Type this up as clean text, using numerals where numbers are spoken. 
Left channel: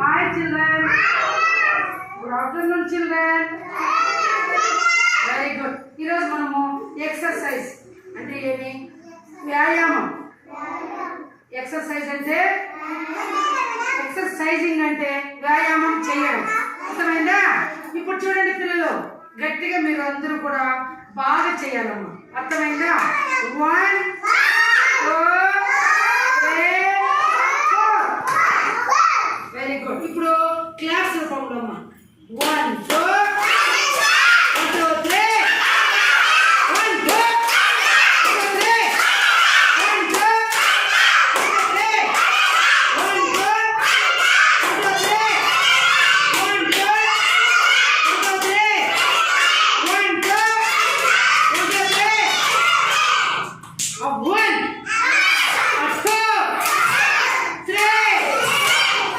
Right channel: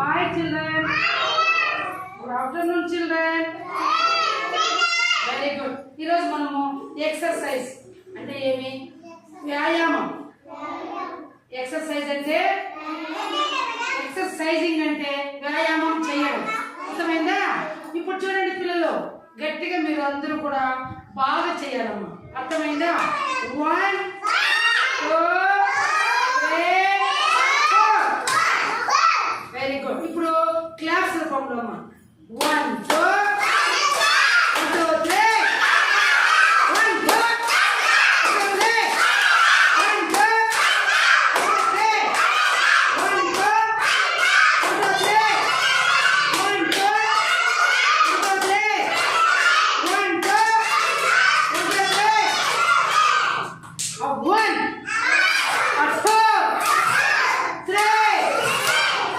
Hi children. Good afternoon children. Very good. ఈరోజు మనము ఎక్సర్సైజ్ అంటే ఏమి వ్యాయామం. ఎక్సర్సైజ్ అంటే ఎక్సర్సైజింగ్ అంటే వ్యాయామం చేయడం. అర్థమైందా? ఇప్పుడు చూడండి పిల్లలు, గట్టిగా మీరు అందరూ కూడా బాగా చేయాలమ్మా. అర్థమైందా? 1 2 3 4. Very good. ఇప్పుడు క్లాప్స్ రూపంలో అమ్మా. 1 2